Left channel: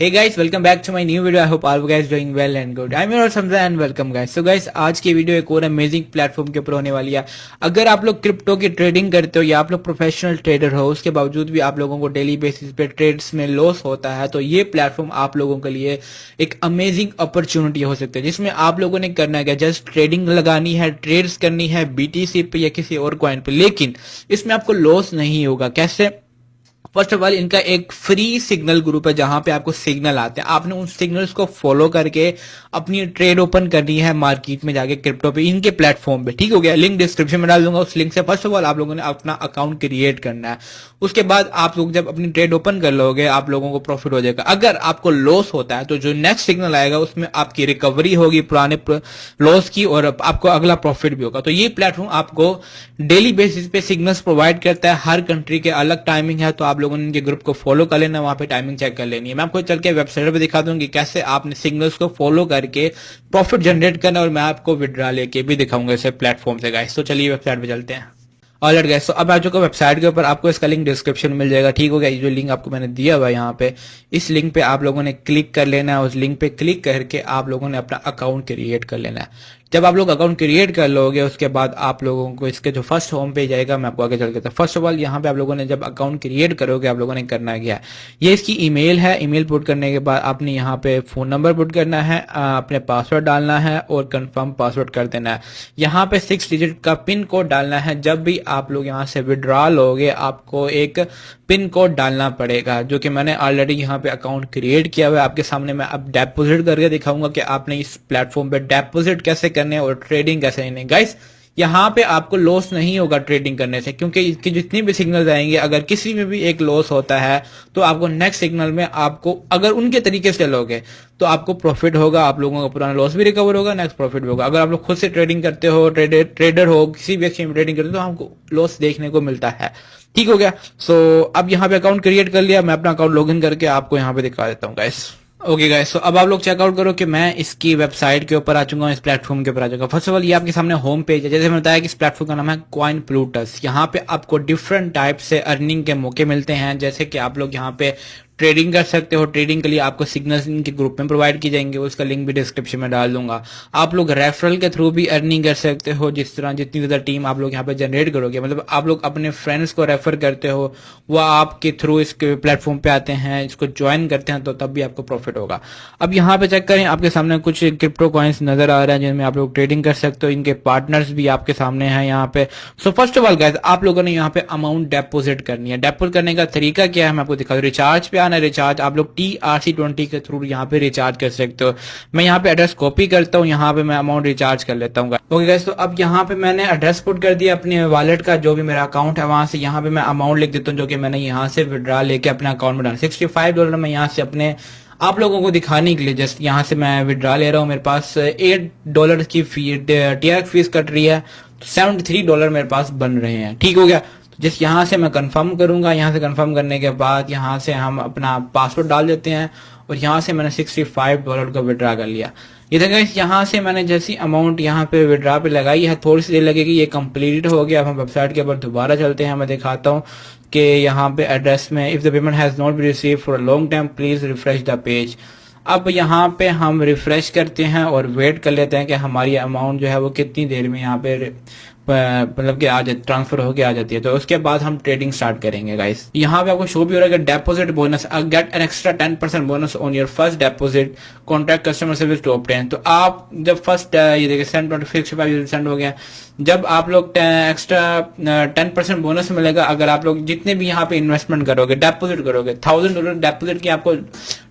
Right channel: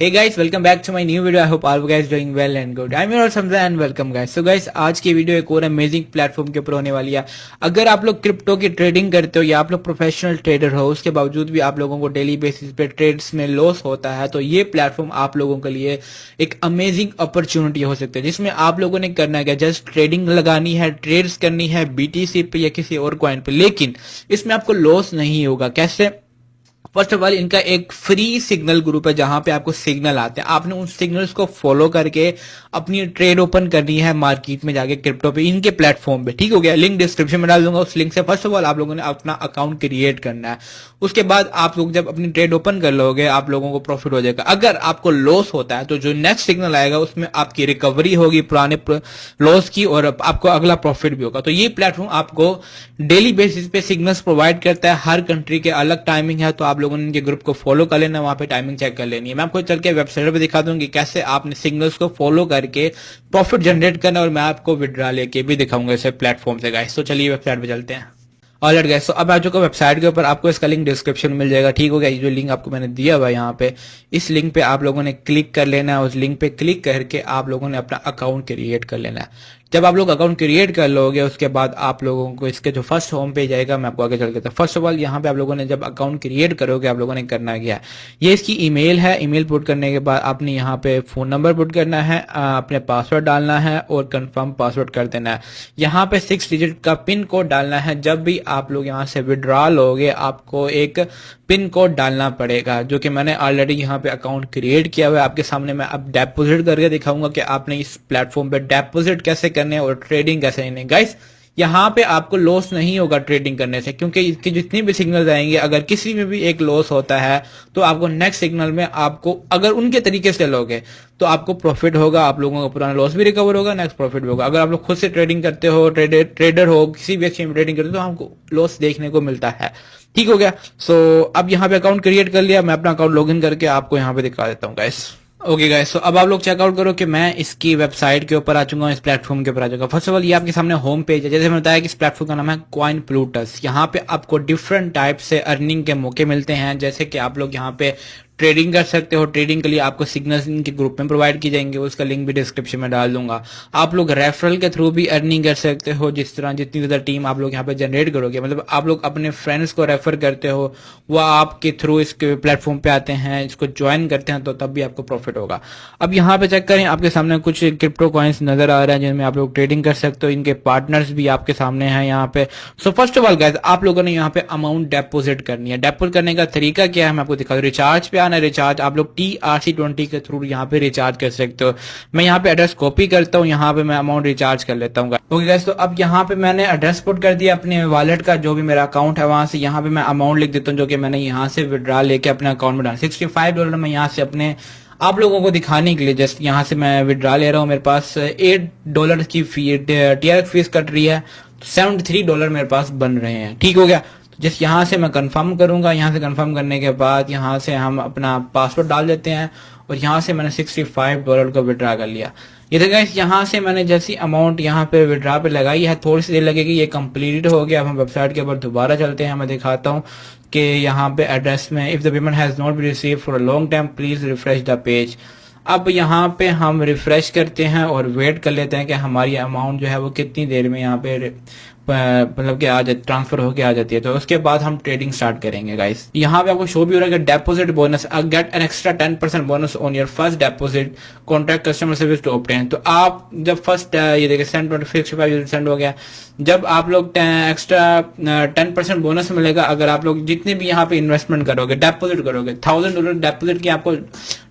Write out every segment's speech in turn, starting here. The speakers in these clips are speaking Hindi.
Hey guys, welcome back to my new video. I hope all you guys doing well and good. I'm your Samza and welcome guys. So guys, आज की वीडियो एक और अमेजिंग प्लेटफॉर्म के ऊपर होने वाली है। अगर आप लोग क्रिप्टो की ट्रेडिंग करते हो या आप लोग प्रोफेशनल ट्रेडर हो, उसके बावजूद भी आप लोगों को डेली बेसिस पे ट्रेड्स में लॉस होता है, तो ये प्लेटफॉर्म आप लोगों के लिए एक अमेजिंग अपॉर्चुनिटी हो सकती है, जिसमें आप लोगों ने करना है जस्ट ट्रेडिंग लगानी है, ट्रेड्स करनी है बीटीसी पे या किसी और कॉइन पे, लेकिन इसमें आपको लॉस नहीं होगा। कैसे? फर्स्ट ऑफ ऑल इनका एक फ्री सिग्नल ग्रुप है जहां पे आपको सिग्नल आते हैं। आपने उन सिग्नल्स को फॉलो करके अपनी ट्रेड ओपन करनी है मार्केट में जाके क्रिप्टो पे, इनके प्लेटफॉर्म पे। ठीक हो गया, लिंक डिस्क्रिप्शन में डाल दूंगा। उस लिंक से फर्स्ट ऑफ ऑल आप लोगों ने अपना अकाउंट क्रिएट करना है। उसके बाद आप लोग जब अपनी ट्रेड ओपन कर लोगे आप लोगों को प्रॉफिट हो जाएगा। अगर आपको लॉस होता है तो जो नेक्स्ट सिग्नल आएगा उसमें आपकी रिकवरी होगी पुराने लॉस की और आपको अगला प्रॉफिट भी होगा। तो ये प्लेटफॉर्म आपको डेली बेसिस पे सिग्नल्स प्रोवाइड करता है। हर कंट्री के अलग टाइमिंग है, तो आप लोगों ने इनके ग्रुप को फॉलो कर लेना, वहां पे टाइमिंग चेक कर लेनी है। मैं आपको चल के वेबसाइट पे दिखा दूंगी कैसे आपने सिग्नल्स को फॉलो करके प्रॉफिट जनरेट करना, और मैं आपको विड्रॉ लेके भी दिखाऊंगा इसे प्लेटफॉर्म से गाइस। तो चलिए वेबसाइट पे चलते हैं। ऑलराइट गाइस, तो अब आ चुका वेबसाइट के ऊपर, आपको इसका लिंक डिस्क्रिप्शन में मिल जाएगा। ठीक हो गया, ये जो लिंक आपको मैंने दिया हुआ है यहाँ पे, इस लिंक पे आप लोगों ने क्लिक कर लेना है। उस लिंक पे क्लिक करके आप लोगों ने अपना अकाउंट क्रिएट कर लेना है। जब आप लोग अकाउंट क्रिएट कर लोगे उसके बाद आप लोगों को इसके जो फर्स्ट होम पेज आएगा, मैं आपको आगे चल के फर्स्ट ऑफ ऑल यहाँ पे आप लोगों ने जब अकाउंट क्रिएट करोगे आप लोगों ने करना क्या है, ये इसकी ईमेल है। ईमेल पुट करने के बाद आपने यहाँ पे फोन नंबर पुट करना है, अपने पासवर्ड डालना है और कंफर्म पासवर्ड कर देना है। यहाँ पे 6 डिजिट का पिन कोड डालना है। जब भी आप लोग यहाँ से विड्रॉ लोगे आपको एक पिन कोड डालना पड़ेगा, जो कि मैंने ऑलरेडी यहाँ पे अकाउंट क्रिएट किया हुआ है। आपके सामने मैं अब डिपॉजिट करके दिखाऊंगा कि आपने इस प्लेटफॉर्म पे डिपॉजिट कैसे करने और ट्रेडिंग कैसे करनी। गाइस, यहाँ पे आपको लॉस नहीं होगा ट्रेडिंग करने से, क्योंकि इसकी जितनी भी सिग्नल आएंगे अगर किसी में भी एक लॉस होता है तो आपको नेक्स्ट सिग्नल में आपको अगर उनके तरीके से लोगे तो आपको प्रॉफिट होगा, आप लोगों का पुराना लॉस भी रिकवर होगा, नेक्स्ट प्रॉफिट भी होगा। अगर आप लोग खुद से ट्रेडिंग करते हो, ट्रेडर हो, किसी भी एक्सचेंज में ट्रेडिंग करते हो, तो हमको लॉस देखने को मिलता है। ठीक हो गया। सो अब यहाँ पे अकाउंट क्रिएट कर लिया, मैं अपना अकाउंट लॉगिन करके आपको यहाँ पे दिखा देता हूँ गाइस। ओके गाइस, तो अब आप लोग चेकआउट करो कि मैं इसकी वेबसाइट के ऊपर आ चुका हूँ, इस प्लेटफॉर्म के ऊपर आ चुका। फर्स्ट ऑफ ऑल ये आपके सामने होम पेज है। जैसे मैंने बताया कि इस प्लेटफॉर्म का नाम है कॉइन प्लूटस। यहाँ पे आपको डिफरेंट टाइप से अर्निंग के मौके मिलते हैं, जैसे कि आप लोग यहाँ पे ट्रेडिंग कर सकते हो। ट्रेडिंग के लिए आपको सिग्नल्स इनके ग्रुप में प्रोवाइड की जाएंगे, उसका लिंक भी डिस्क्रिप्शन में डाल दूंगा। आप लोग रेफरल के थ्रू भी अर्निंग कर सकते हो, जिस तरह जितनी ज्यादा टीम आप लोग यहाँ पे जनरेट करोगे, मतलब आप लोग अपने फ्रेंड्स को रेफर करते हो, वो आपके थ्रू इस प्लेटफॉर्म पे आते हैं, इसको ज्वाइन करते हैं, तो तब भी आपको प्रॉफिट होगा। अब यहाँ पे चेक करें, आपके सामने कुछ क्रिप्टो कॉइन्स नजर आ रहे हैं जिनमें आप लोग ट्रेडिंग कर सकते हो। इनके पार्टनर्स भी आपके सामने हैं यहाँ पे। So first of all guys, आप लोगों ने यहाँ पे अमाउंट डिपॉजिट करनी है। डिपॉजिट करने का तरीका क्या है मैं आपको दिखा दूं। रिचार्ज पे आना, रिचार्ज आप लोग TRC20 के थ्रू यहाँ पे रिचार्ज कर सकते हो। मैं यहाँ पे एड्रेस कॉपी करता हूँ, यहाँ पे मैं अमाउंट रिचार्ज कर लेता हूँ। ओके गाइस, तो अब यहाँ पे मैंने एड्रेस पुट कर दिया अपने वॉलेट का, जो भी मेरा अकाउंट है वहां से। यहाँ पे मैं अमाउंट लिख देता हूँ जो कि मैंने यहाँ से विड्रॉ लेके अपने अकाउंट में डाला। $65 मैं यहाँ से अपने आप लोगों को दिखाने के लिए जस्ट यहाँ से मैं विड्रॉ ले रहा हूँ। मेरे पास $8 की फी TRX फीस कट रही है, $73 मेरे पास बन रहे हैं। ठीक हो गया। जिस यहाँ से मैं कंफर्म करूंगा, यहाँ से कंफर्म करने के बाद यहाँ से हम अपना पासवर्ड डाल देते हैं और यहाँ से मैंने $65 को विड्रॉ कर लिया। ये देखा, यहाँ से मैंने जैसी अमाउंट यहाँ पे विड्रॉ पे लगाई है, थोड़ी सी देर लगेगी, ये कंप्लीट हो गया। हम वेबसाइट के ऊपर दोबारा चलते हैं, मैं दिखाता हूँ कि यहाँ पे एड्रेस में if the payment has not been received for a long time please refresh the page. अब यहाँ पे हम रिफ्रेश करते हैं और वेट कर लेते हैं कि हमारी अमाउंट जो है वो कितनी देर में यहाँ पे मतलब कि आ जाती, ट्रांसफर होके आ जाती है। तो उसके बाद हम ट्रेडिंग स्टार्ट करेंगे गाइस। यहाँ पे आपको शो भी हो रहा है कि deposit bonus, get an extra 10% bonus on your first deposit, contact customer service to obtain. तो आप जब फर्स्ट ये देखिए सेंड 65% हो गया, जब आप लोग एक्स्ट्रा 10% बोनस मिलेगा अगर आप लोग जितने भी यहाँ पे इन्वेस्टमेंट करोगे, डेपोजिट करोगे, $1000 डेपोजिट की आपको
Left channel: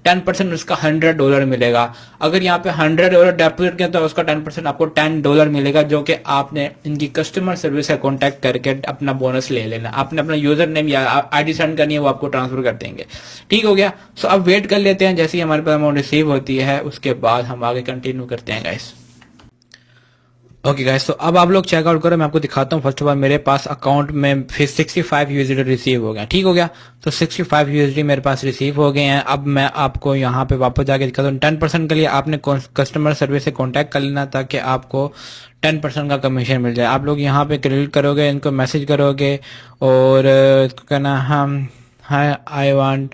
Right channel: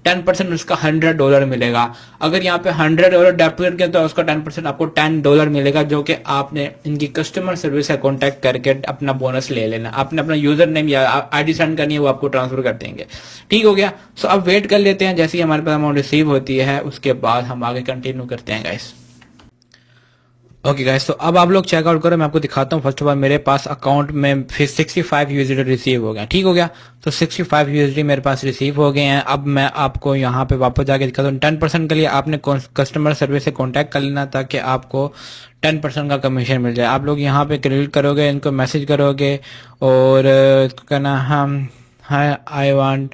10% उसका $100 मिलेगा। अगर यहाँ पे $100 डेपोजिट किया तो उसका 10% आपको $10 मिलेगा, जो कि आपने इनकी कस्टमर सर्विस से कॉन्टैक्ट करके अपना बोनस ले लेना। आपने अपना यूजर नेम या ID सेंड करनी है, वो आपको ट्रांसफर कर देंगे। ठीक हो गया। सो अब वेट कर लेते हैं, जैसे ही हमारे पास अमाउंट रिसीव होती है उसके बाद हम आगे कंटिन्यू करते हैं गाइस। ओके गाइस, तो अब आप लोग चेकआउट करो, मैं आपको दिखाता हूँ। फर्स्ट ऑफ ऑल मेरे पास अकाउंट में फिर 65 USD रिसीव हो गया। ठीक हो गया, तो 65 USD मेरे पास रिसीव हो गए हैं। अब मैं आपको यहाँ पे वापस जाके दिखाता हूँ। 10% के लिए आपने कस्टमर सर्विस से कॉन्टैक्ट कर लेना ताकि आपको 10% का कमीशन मिल जाए। आप लोग यहाँ पे क्रेडिट करोगे, इनको मैसेज करोगे और कहना हम I want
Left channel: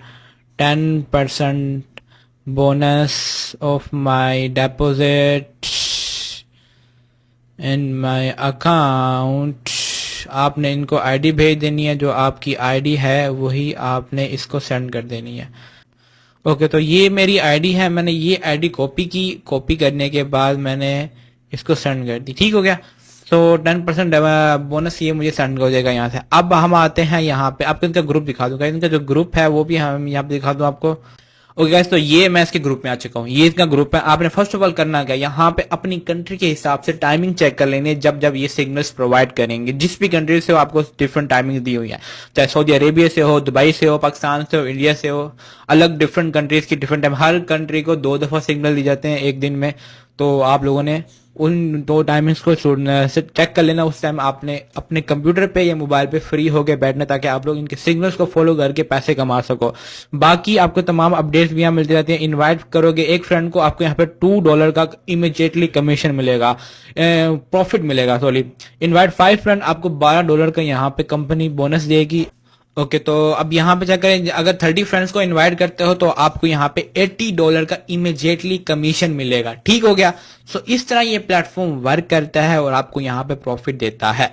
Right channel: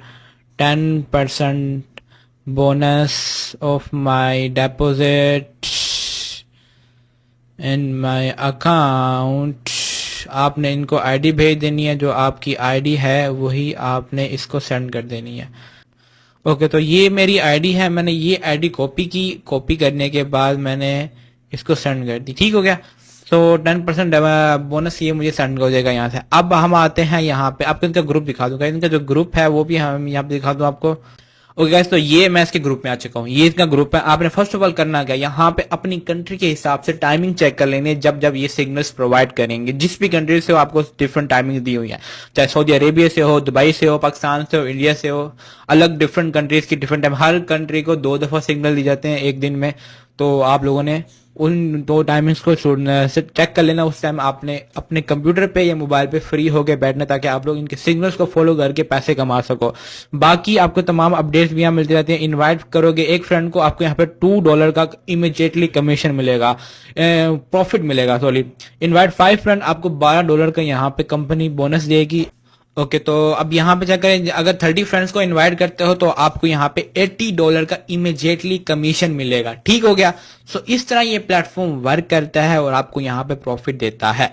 10% bonus of my deposit in my account। आपने इनको आईडी भेज देनी है, जो आपकी आईडी है वही आपने इसको सेंड कर देनी है। ओके, तो ये मेरी आईडी है, मैंने ये आईडी कॉपी की, कॉपी करने के बाद मैंने इसको सेंड कर दी। ठीक हो गया। तो 10% बोनस ये मुझे सेंड हो जाएगा यहाँ से। अब हम आते हैं यहाँ पे, आपको इनका ग्रुप दिखा दूंगा, इनका जो ग्रुप है वो भी हम यहाँ पे दिखा दूं आपको। ओके गाइस, तो ये मैं इसके ग्रुप में आ चुका हूँ, ये इसका ग्रुप है। आपने फर्स्ट ऑफ ऑल करना क्या, यहाँ पे अपनी कंट्री के हिसाब से टाइमिंग चेक कर लेंगे जब जब ये सिग्नल्स प्रोवाइड करेंगे। जिस भी कंट्री से हो आपको डिफरेंट टाइमिंग दी हुई है, चाहे सऊदी अरेबिया से हो, दुबई से हो, पाकिस्तान से हो, इंडिया से हो, अलग डिफरेंट कंट्रीज की डिफरेंट टाइम। हर कंट्री को 2 दफा सिग्नल दी जाते हैं एक दिन में, तो आप लोगों ने उन 2 टाइमिंग्स को चेक कर लेना। उस टाइम आपने अपने कंप्यूटर पे या मोबाइल पे फ्री होके बैठना, ताकि आप लोग इनके सिग्नल्स को फॉलो करके पैसे कमा सको। बाकी आपको तमाम अपडेट्स भी यहाँ मिलती रहती है। इनवाइट करोगे एक फ्रेंड को, आपको यहाँ पे $2 का इमीडिएटली कमीशन मिलेगा, प्रॉफिट मिलेगा, सॉरी। इनवाइट 5 फ्रेंड, आपको $12 का यहाँ पे कंपनी बोनस देगी। ओके, तो अब यहाँ पे जाकर अगर 30 फ्रेंड्स को इनवाइट करते हो तो आपको यहाँ पे $80 का इमीडिएटली कमीशन मिलेगा। ठीक हो गया। सो इस तरह ये प्लेटफॉर्म वर्क करता है और आपको यहाँ पे प्रॉफिट देता है।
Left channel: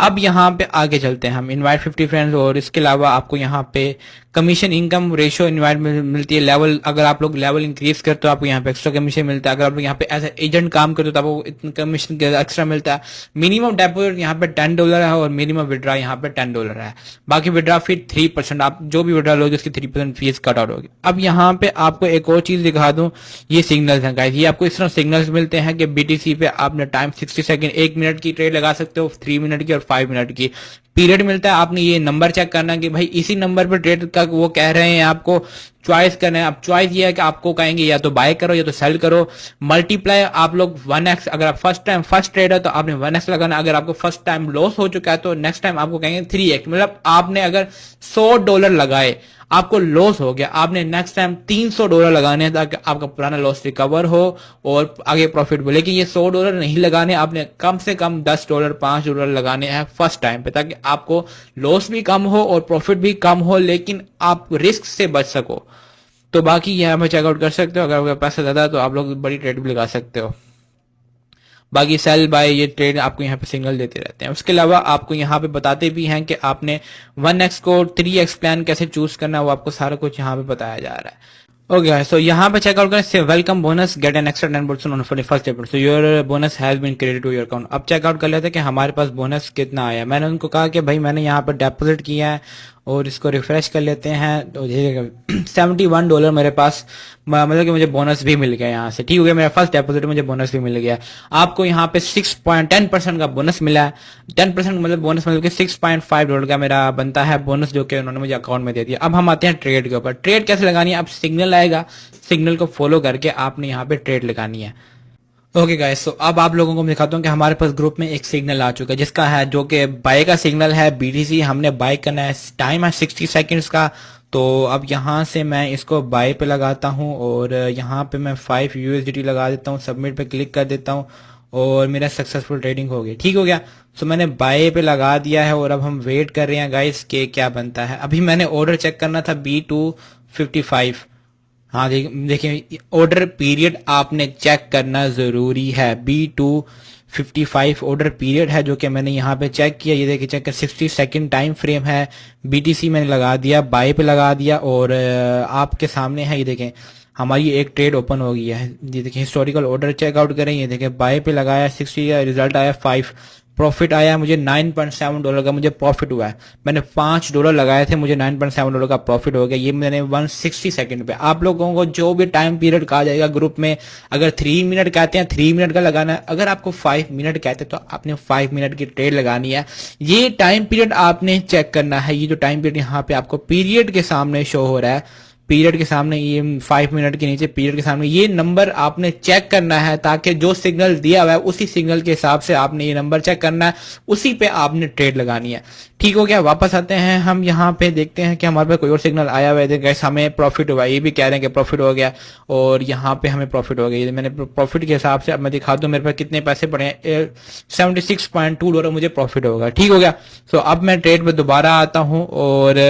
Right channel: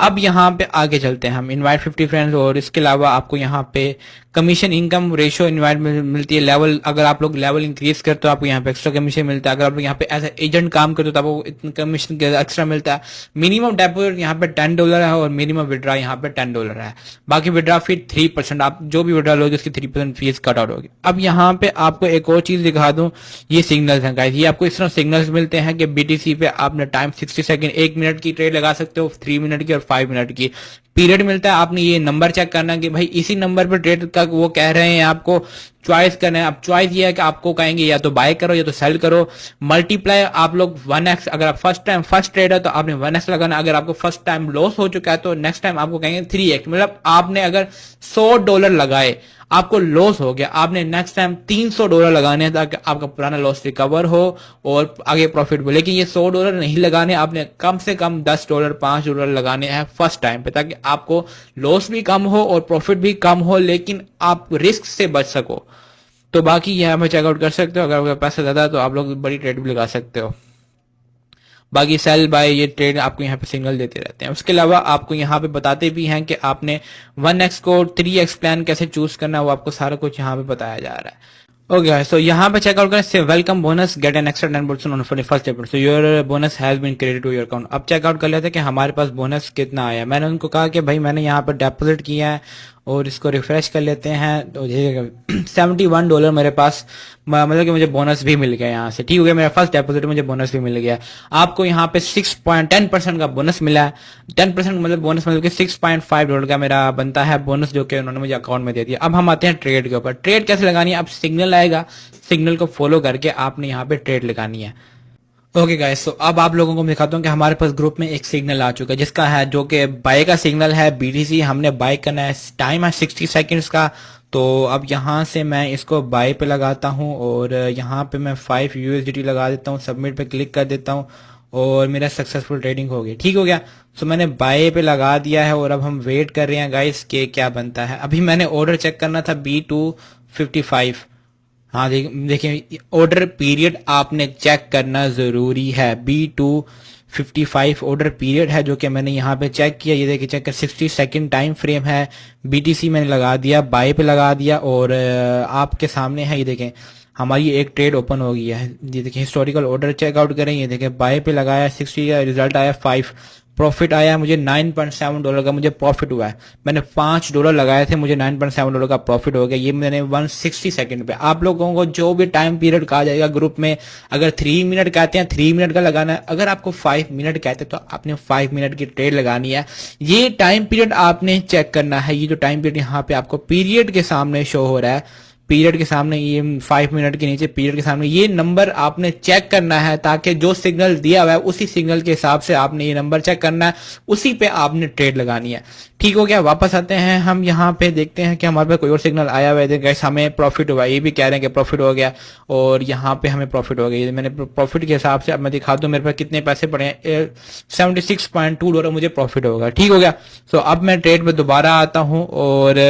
अब यहाँ पे आगे चलते हैं हम, इनवाइट 50 फ्रेंड्स, और इसके अलावा आपको यहाँ पे कमीशन इनकम रेशियो इनवाइट मिलती है। लेवल, अगर आप लोग लेवल इंक्रीज करते हो आपको यहाँ पे एक्स्ट्रा कमीशन मिलता है। अगर आप यहाँ पे एज एजेंट काम करते हो तो आपको इतना कमीशन एक्स्ट्रा मिलता है। मिनिमम डेपोजिट यहाँ पे $10 है और मिनिमम विड्रा यहाँ पे $10 है। बाकी विड्रा फी 3%, आप जो भी विड्रा लोगे उसकी 3% फीस कट आउट होगी। अब यहाँ पे आपको एक और चीज दिखा दूं, ये सिग्नल्स हैं गाइस। ये आपको इस तरह सिग्नल्स मिलते हैं कि बीटीसी पे आपने टाइम 60 सेकंड, 1 मिनट की ट्रेड लगा सकते हो, 3 मिनट की और 5 मिनट की। पीरियड मिलता है, आपने ये नंबर चेक करना कि भाई इसी नंबर पर ट्रेड का वो कह रहे हैं आपको चॉइस करना है। अब चॉइस ये है कि आपको कहेंगे या तो बाय करो या तो सेल करो। मल्टीप्लाई आप लोग 1x, अगर आप फर्स्ट ट्रेड है तो आपने 1x लगाना। अगर आपको फर्स्ट टाइम लॉस हो चुका है तो नेक्स्ट टाइम आपको कहेंगे 3x। मतलब आपने अगर $100 लगाए, आपको लॉस हो गया, आपने नेक्स्ट टाइम $300 लगाने हैं ताकि आपका पुराना लॉस रिकवर हो और आगे प्रॉफिट हो। लेकिन ये $100 नहीं लगाने, आपने कम से कम $10, $5 लगाने हैं फर्स्ट टाइम पे, ताकि आपको लॉस भी कम हो और प्रॉफिट भी कम हो, लेकिन आप रिस्क से बच सको। तो बाकी यहाँ पे चेकआउट कर सकते हो। अगर आपका पैसा ज्यादा है तो आप लोग बड़ी ट्रेड भी लगा सकते हो। बाकी सेल बाय ये ट्रेड आपको यहाँ पे सिग्नल देते रहते हैं। उसके अलावा आपको यहाँ पे बताते भी हैं कि आपने 1x को 3x प्लान कैसे चूज करना है, वो आपको सारा कुछ यहाँ पे बताया जा रहा है। ओके, सो यहाँ पे चेकआउट करें, welcome bonus, get an extra 10% on for first payment, so your bonus has been credited to your account. अब चेकआउट कर लेते हैं कि हमारे पास बोनस कितना आया। मैंने उनको कहा कि भाई मैंने यहाँ पे डिपॉजिट किया है और इसको रिफ्रेश कर लेते हैं, तो $71 मेरे पास, मतलब कि मुझे बोनस भी मिल गया यहाँ से। ठीक हो गया, मेरा फर्स्ट डिपॉजिट मुझे बोनस भी मिल गया। आपको यहाँ पे 6.10% का बोनस मिला है। 10% मतलब बोनस मतलब कि $6.5 का मेरा बनता है बोनस, जो कि उन्होंने मुझे अकाउंट में दे दिया। अब हम आते हैं ट्रेड के ऊपर। ट्रेड कैसे लगानी है, अब सिग्नल आएगा, सिग्नल को फॉलो करके आपने यहाँ पे ट्रेड लगानी है। ओके गाइस, तो अब आप लोगों को मैं दिखाता हूँ कि हमारे पास ग्रुप में एक सिग्नल आ चुका है, जिसका है, जो कि बाय का सिग्नल है, बीटीसी हमने बाय करना है। टाइम है 60 सेकंड्स का। तो अब यहाँ से मैं इसको बाय पे लगाता हूँ और यहाँ पे मैं 5 USDT लगा देता हूँ, सबमिट पे क्लिक कर देता हूँ और मेरा सक्सेसफुल ट्रेडिंग हो गई। ठीक हो गया, तो मैंने बाय पे लगा दिया है और अब हम वेट कर रहे हैं गाइस के क्या बनता है। अभी मैंने ऑर्डर चेक करना था B255। हाँ देखिए, ऑर्डर पीरियड आपने चेक करना जरूरी है। B255 ऑर्डर पीरियड है, जो कि मैंने यहाँ पे चेक किया। ये देखिए, चेक कर 60 सेकंड टाइम फ्रेम है। BTC मैंने लगा दिया, बाय पे लगा दिया और आपके सामने है, ये देखें हमारी एक ट्रेड ओपन हो गई है। ये देखिए, हिस्टोरिकल ऑर्डर चेकआउट करें, ये देखिए बाय पे लगाया 60 का रिजल्ट आया 5, प्रॉफिट आया मुझे $9.7 का, मुझे प्रॉफिट हुआ है। मैंने $5 लगाए थे, मुझे $9.7 का प्रॉफिट हो गया। ये मैंने 160 सेकंड पे। आप लोगों को जो भी टाइम पीरियड कहा जाएगा ग्रुप में, अगर 3 मिनट कहते हैं 3 मिनट का लगाना है, अगर आपको 5 मिनट कहते हैं तो आपने 5 मिनट की ट्रेड लगानी है। ये टाइम पीरियड आपने चेक करना है। ये जो टाइम पीरियड यहाँ पे आपको पीरियड के सामने शो हो रहा है, पीरियड के सामने, ये 5 मिनट के नीचे पीरियड के सामने ये नंबर आपने चेक करना है, ताकि जो सिग्नल दिया हुआ है उसी सिग्नल के हिसाब से आपने ये नंबर चेक करना है, उसी पे आपने ट्रेड लगानी है। ठीक हो गया, वापस आते हैं हम यहाँ पे, देखते हैं कि हमारे पास कोई और सिग्नल आया हुआ है। गैस हमें प्रॉफिट हुआ, ये भी कह रहे हैं कि प्रॉफिट हो गया और यहाँ पे हमें प्रॉफिट हो गया। मैंने प्रॉफिट के हिसाब से अब मैं दिखा दूं मेरे पास कितने पैसे पड़े हैं। $76.2 मुझे प्रॉफिट होगा। ठीक हो गया, तो अब मैं ट्रेड पे दोबारा आता हूँ और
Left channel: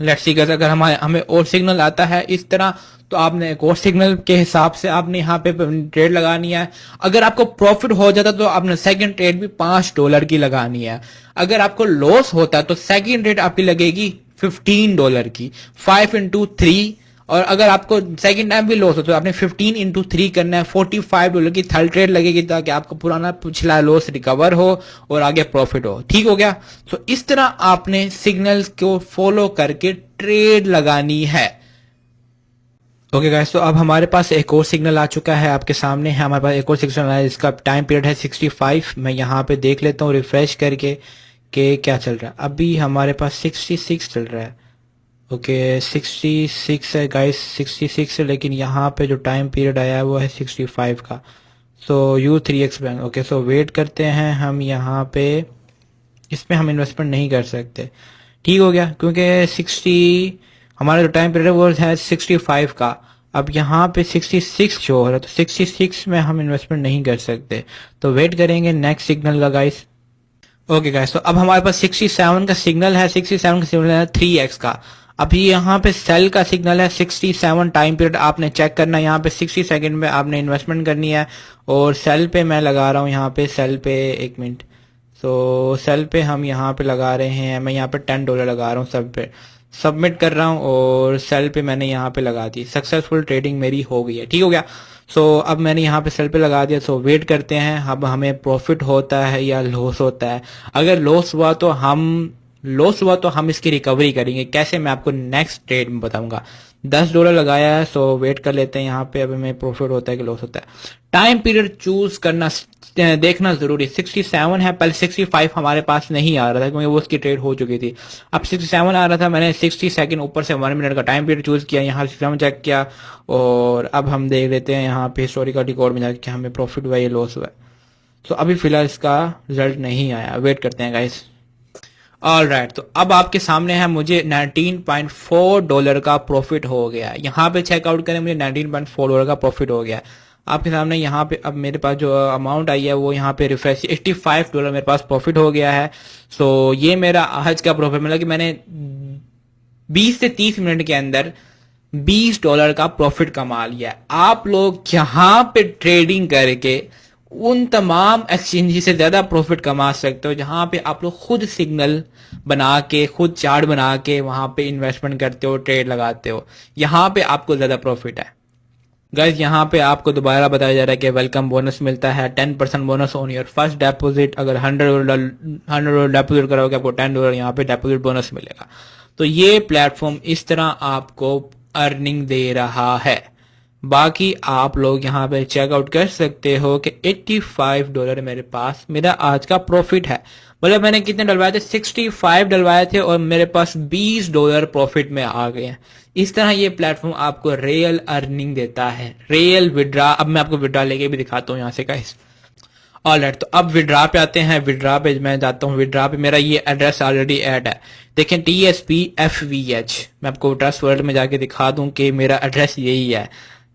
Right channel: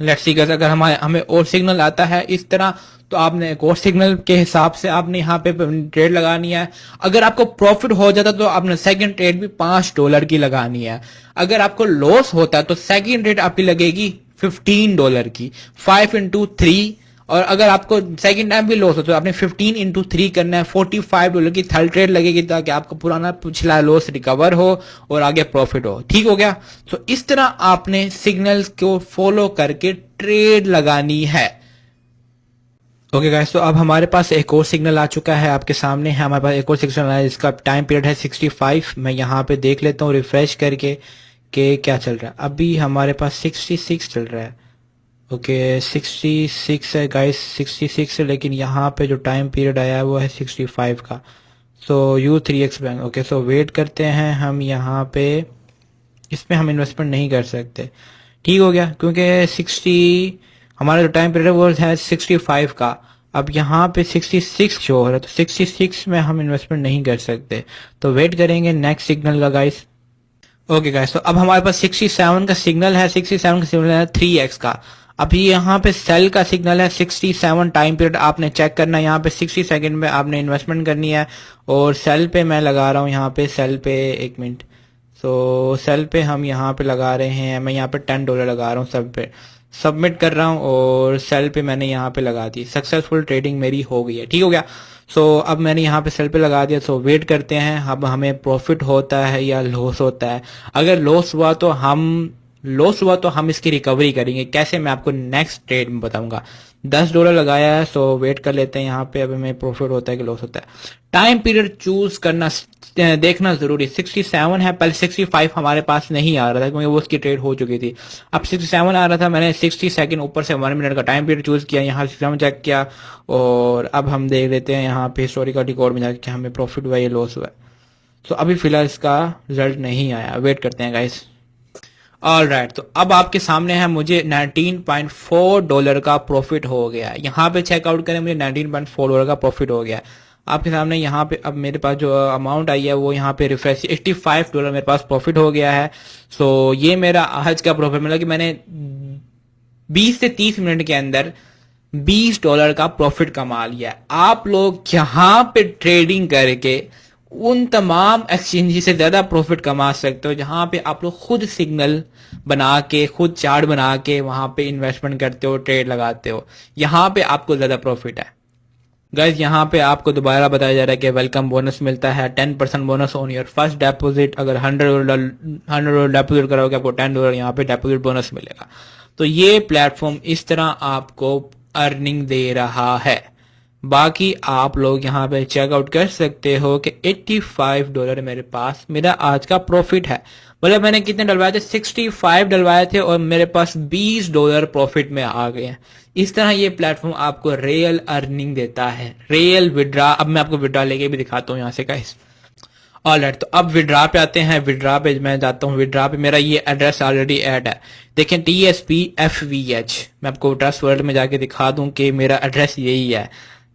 लेट्स सी अगर हमें और सिग्नल आता है इस तरह, तो आपने एक और सिग्नल के हिसाब से आपने यहाँ पे ट्रेड लगानी है। अगर आपको प्रॉफिट हो जाता तो आपने सेकंड ट्रेड भी $5 की लगानी है। अगर आपको लॉस होता तो सेकंड ट्रेड आपकी लगेगी $15 की, 5 into 3। और अगर आपको सेकंड टाइम भी लॉस हो तो आपने 15 into 3 करना है, $45 की थर्ड ट्रेड लगेगी, ताकि आपको पुराना पिछला लॉस रिकवर हो और आगे प्रॉफिट हो। ठीक हो गया। तो इस तरह आपने सिग्नल्स को फॉलो करके ट्रेड लगानी है। ओके गाइस, तो अब हमारे पास एक और सिग्नल आ चुका है, आपके सामने है हमारे पास एक और सिग्नल है, इसका टाइम पीरियड है 65। मैं यहाँ पे देख लेता हूँ रिफ्रेश करके कि क्या चल रहा है। अभी हमारे पास 66 चल रहा है। ओके 66 है गाइस, 66 है, लेकिन यहाँ पे जो टाइम पीरियड आया वो है 65 का। So U3X bank. Okay so wait करते हैं हम यहाँ पे, इसमें हम इन्वेस्टमेंट नहीं कर सकते। ठीक हो गया, क्योंकि 60 हमारा जो टाइम पीरियड वो है 65 का। अब यहाँ पे 66 शो हो रहा है, तो 66 में हम इन्वेस्टमेंट नहीं कर सकते, तो वेट करेंगे नेक्स्ट सिग्नल का गाइस। ओके गाइस, तो अब हमारे पास 67 का सिग्नल है, 67 का सिग्नल है 3X का। अभी यहाँ पे सेल का सिग्नल है 67 टाइम पीरियड आपने चेक करना है, यहाँ पे 60 सेकंड में आपने इन्वेस्टमेंट करनी है। और सेल पे मैं लगा रहा हूँ, यहाँ पे सेल पे 1 मिनट, तो सेल पे हम यहाँ पे लगा रहे हैं, मैं यहाँ पे $10 लगा रहा हूँ, सब पे सबमिट कर रहा हूँ और सेल पे मैंने यहाँ पे लगा दी। सक्सेसफुल ट्रेडिंग मेरी हो गई है। ठीक हो गया। सो अब मैंने यहाँ पे सेल पे लगा दिया। सो वेट करते हैं अब हमें प्रॉफिट होता है या लॉस होता है। अगर लॉस हुआ तो हम इसकी रिकवरी करेंगे कैसे, मैं आपको नेक्स्ट ट्रेड में बताऊंगा। $10 लगाया है, सो वेट कर लेते हैं यहाँ पे अब हमें प्रॉफिट होता है कि लॉस होता है। टाइम पीरियड चूज करना देखना जरूरी। 67 है, पहले 65 हमारे पास नहीं आ रहा था क्योंकि वो उसकी ट्रेड हो चुकी थी। अब 67 आ रहा था, मैंने 60 सेकंड ऊपर से 1 मिनट का टाइम पीरियड चूज किया, यहाँ 67 चेक किया और अब हम देख लेते हैं यहाँ पे हिस्टोरिकल रिकॉर्ड में जाके हमें प्रॉफिट हुआ या लॉस हुआ। तो अभी फिलहाल इसका रिजल्ट नहीं आया, वेट करते हैं गाइस। ऑलराइट, तो अब आपके सामने है मुझे $19.4 का प्रॉफिट हो गया। यहाँ पे चेकआउट करें, मुझे $19.4 का प्रॉफिट हो गया। आपके सामने यहाँ पे अब मेरे पास जो अमाउंट आई है वो यहाँ पे रिफ्रेश $85 मेरे पास प्रॉफिट हो गया है। सो ये मेरा आज का प्रॉफिट, मतलब कि मैंने 20 से 30 मिनट के अंदर $20 का प्रॉफिट कमा लिया। आप लोग यहाँ पे ट्रेडिंग करके उन तमाम एक्सचेंज से ज्यादा प्रॉफिट कमा सकते हो जहां पे आप लोग खुद सिग्नल बना के, खुद चार्ट बना के वहां पे इन्वेस्टमेंट करते हो, ट्रेड लगाते हो। यहाँ पे आपको ज्यादा प्रॉफिट है गाइस। यहाँ पे आपको दोबारा बताया जा रहा है कि वेलकम बोनस मिलता है, 10% bonus on your first deposit. अगर $100 डेपोजिट करोगे आपको $10 यहाँ पे डेपोजिट बोनस मिलेगा। तो ये प्लेटफॉर्म इस तरह आपको अर्निंग दे रहा है। बाकी आप लोग यहाँ पे चेकआउट कर सकते हो कि $85 मेरे पास मेरा आज का प्रॉफिट है। मतलब मैंने कितने डलवाए थे, 65 डलवाए थे और मेरे पास $20 प्रॉफिट में आ गए हैं। इस तरह ये प्लेटफॉर्म आपको रियल अर्निंग देता है, रियल विड्रा। अब मैं आपको विड्रा लेके भी दिखाता हूँ यहाँ से गाइस। ऑलराइट, तो अब विड्रा पे आते हैं। विड्रा पे मैं जाता हूँ, विड्रा पे मेरा ये एड्रेस ऑलरेडी ऐड है, देखें TSPFVH। मैं आपको ट्रस्ट वर्ल्ड में जाके दिखा दूं कि मेरा एड्रेस यही है,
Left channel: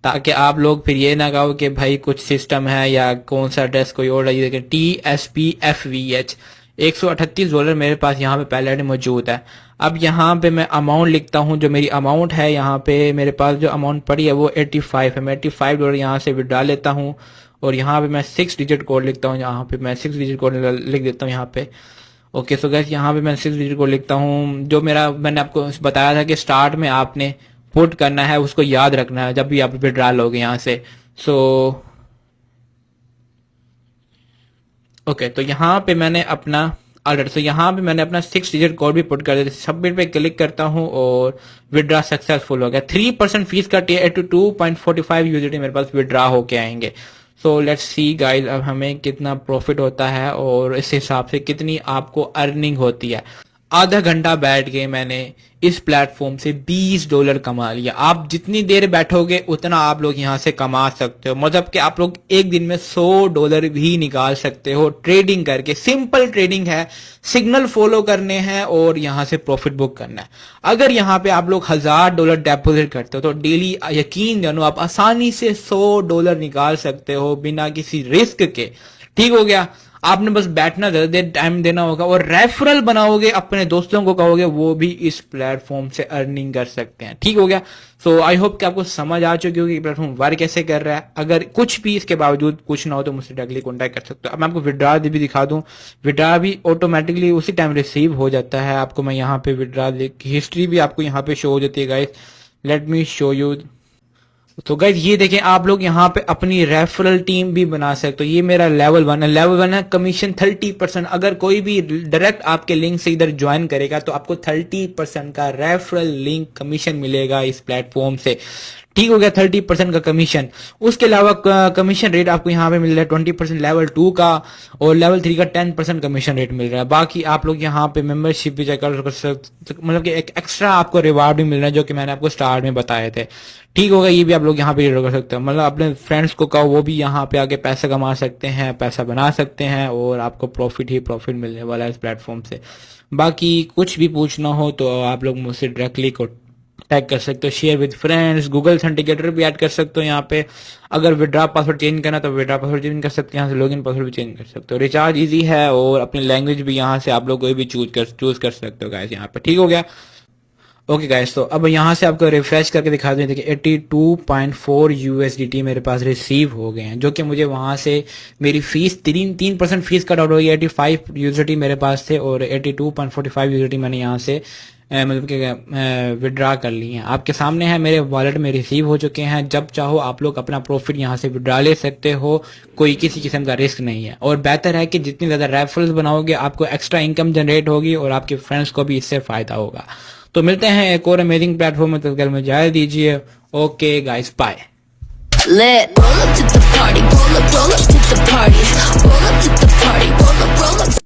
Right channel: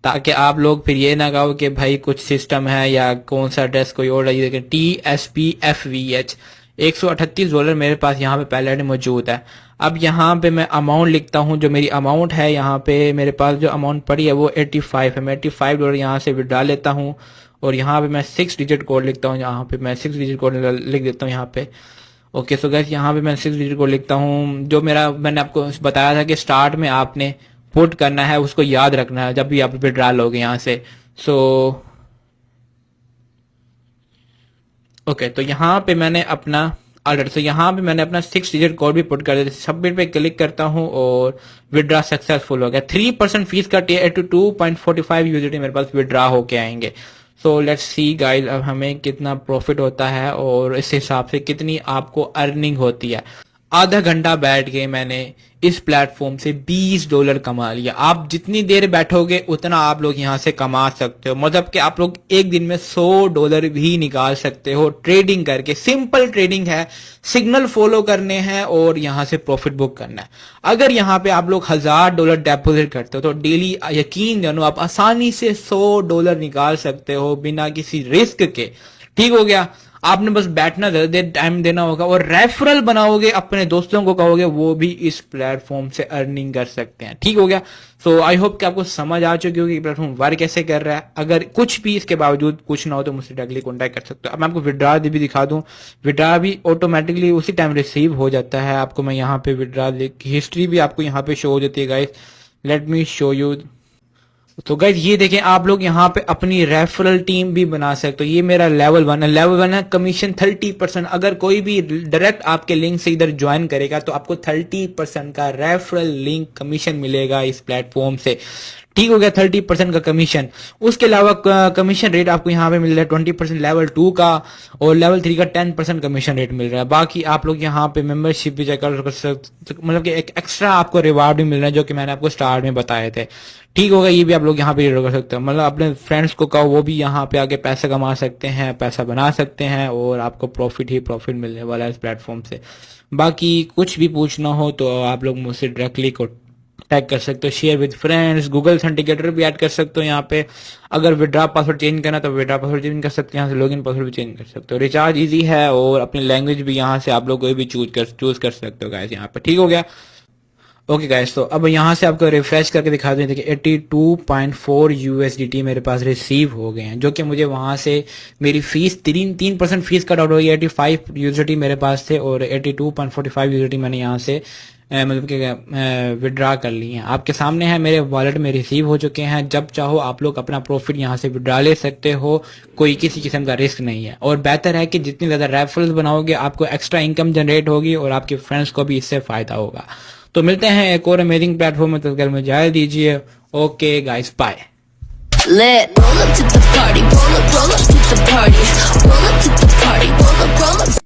ताकि आप लोग फिर ये ना कहो कि भाई कुछ सिस्टम है या कौन सा एड्रेस कोई और है। देखें TSPFVH, $138 मेरे पास यहाँ पे पहले मौजूद है। अब यहाँ पे मैं अमाउंट लिखता हूँ, जो मेरी अमाउंट है यहाँ पे मेरे पास जो अमाउंट पड़ी है वो 85 है। मैं $85 यहाँ से विड्रा लेता हूँ और यहाँ पे मैं 6 डिजिट कोड लिखता हूँ। यहाँ पे मैं 6 डिजिट कोड लिख देता हूँ यहाँ पे। ओके सो गाइस, यहाँ पे मैं 6 डिजिट कोड लिखता हूँ। जो मैंने आपको बताया था कि स्टार्ट में आपने पुट करना है, उसको याद रखना है जब भी आप विड्रा लोगे यहाँ से। सो ओके, तो यहाँ पे मैंने अपना ऑर्डर, तो यहाँ पे मैंने अपना 6 डिजिट कोड भी पुट कर दिया। सबमिट पे क्लिक करता हूँ और विड्रा सक्सेसफुल हो गया। 3% फीस का 82.45 USD मेरे पास विड्रा होके आएंगे। सो लेट्स सी गाइस, अब हमें कितना प्रॉफिट होता है और इस हिसाब से कितनी आपको अर्निंग होती है। आधा घंटा बैठ के मैंने इस प्लेटफॉर्म से $20 कमा लिया। आप जितनी देर बैठोगे उतना आप लोग यहाँ से कमा सकते हो। मतलब कि आप लोग एक दिन में $100 भी निकाल सकते हो ट्रेडिंग करके। सिंपल ट्रेडिंग है, सिग्नल फॉलो करने हैं और यहाँ से प्रॉफिट बुक करना है। अगर यहाँ पे आप लोग $1000 डेपोजिट करते हो तो डेली यकीन जानो आप आसानी से $100 निकाल सकते हो बिना किसी रिस्क के। ठीक हो गया। आपने बस बैठना दे टाइम देना होगा और रेफरल बनाओगे, अपने दोस्तों को कहोगे, वो भी इस प्लेटफॉर्म से अर्निंग कर सकते हैं। ठीक हो गया। सो आई होप कि आपको समझ आ चुकी होगी प्लेटफॉर्म वर्क कैसे कर रहा है। अगर कुछ भी इसके बावजूद पूछना हो तो मुझसे डायरेक्टली कॉन्टैक्ट कर सकते हो। अब मैं आपको विड्रॉ भी दिखा दूं, विड्रॉ भी ऑटोमेटिकली उसी टाइम रिसीव हो जाता है। आपको मैं यहाँ पे विड्रॉ की हिस्ट्री भी आपको यहाँ पे शो हो जाती है guys. Let me show you. तो गाइज ये देखें, आप लोग यहाँ पे अपनी रेफरल टीम भी बना सकते हो। ये मेरा लेवल 1 है। लेवल 1 है, कमीशन 30%। अगर कोई भी डायरेक्ट आपके लिंक से इधर ज्वाइन करेगा तो आपको 30% का रेफरल लिंक कमीशन मिलेगा इस प्लेटफॉर्म से। ठीक हो गया, 30% का कमीशन। उसके अलावा कमीशन रेट आपको यहाँ पे मिल रहा है 20% लेवल 2 का, और लेवल 3 का 10% कमीशन रेट मिल रहा है। बाकी आप लोग यहाँ पे मेंबरशिप भी चेक कर सकते, मतलब कि एक एक्स्ट्रा आपको रिवार्ड भी मिल रहा है जो कि मैंने आपको स्टार्ट में बताए थे। ठीक होगा, ये भी आप लोग यहाँ पे कर सकते हैं। मतलब अपने फ्रेंड्स को कहो, वो भी यहाँ पे आके पैसा कमा सकते हैं, पैसा बना सकते हैं, और आपको प्रॉफिट ही प्रॉफिट मिलने वाला है इस प्लेटफॉर्म से। बाकी कुछ भी पूछना हो तो आप लोग मुझसे डायरेक्टली टैग कर सकते हो, share with friends. Google authenticator भी ऐड कर सकते हो यहाँ पे। अगर विड्रॉ पासवर्ड चेंज करना तो विड्रॉ पासवर्ड चेंज कर सकते हैं, यहाँ से लॉगिन पासवर्ड भी चेंज कर सकते हो। रिचार्ज इजी है, और अपनी लैंग्वेज भी यहाँ से आप लोग कोई भी चूज कर सकते हो गाइस यहाँ पे। ठीक हो गया। ओके गाइस, तो अब यहाँ से आपको रिफ्रेश करके दिखा दें कि 82.4 USDT मेरे पास रिसीव हो गए हैं, जो कि मुझे वहां से मेरी फीस 3% फीस कट आउट हो गई। 85 USDT मेरे पास थे और 82.45 USDT मैंने यहाँ से मतलब कि विड्रा कर लिए हैं। आपके सामने है, मेरे वॉलेट में रिसीव हो चुके हैं। जब चाहो आप लोग अपना प्रॉफिट यहाँ से विड्रा ले सकते हो, कोई किसी किस्म का रिस्क नहीं है। और बेहतर है कि जितनी ज्यादा रेफरल्स बनाओगे आपको एक्स्ट्रा इनकम जनरेट होगी और आपके फ्रेंड्स को भी इससे फायदा होगा। तो मिलते हैं एक और अमेजिंग प्लेटफॉर्म में, तब तक मुझे इजाजत दीजिए। Okay guys, bye. Lit. Roll up to the party, roll up to the party, roll up to the party, roll up.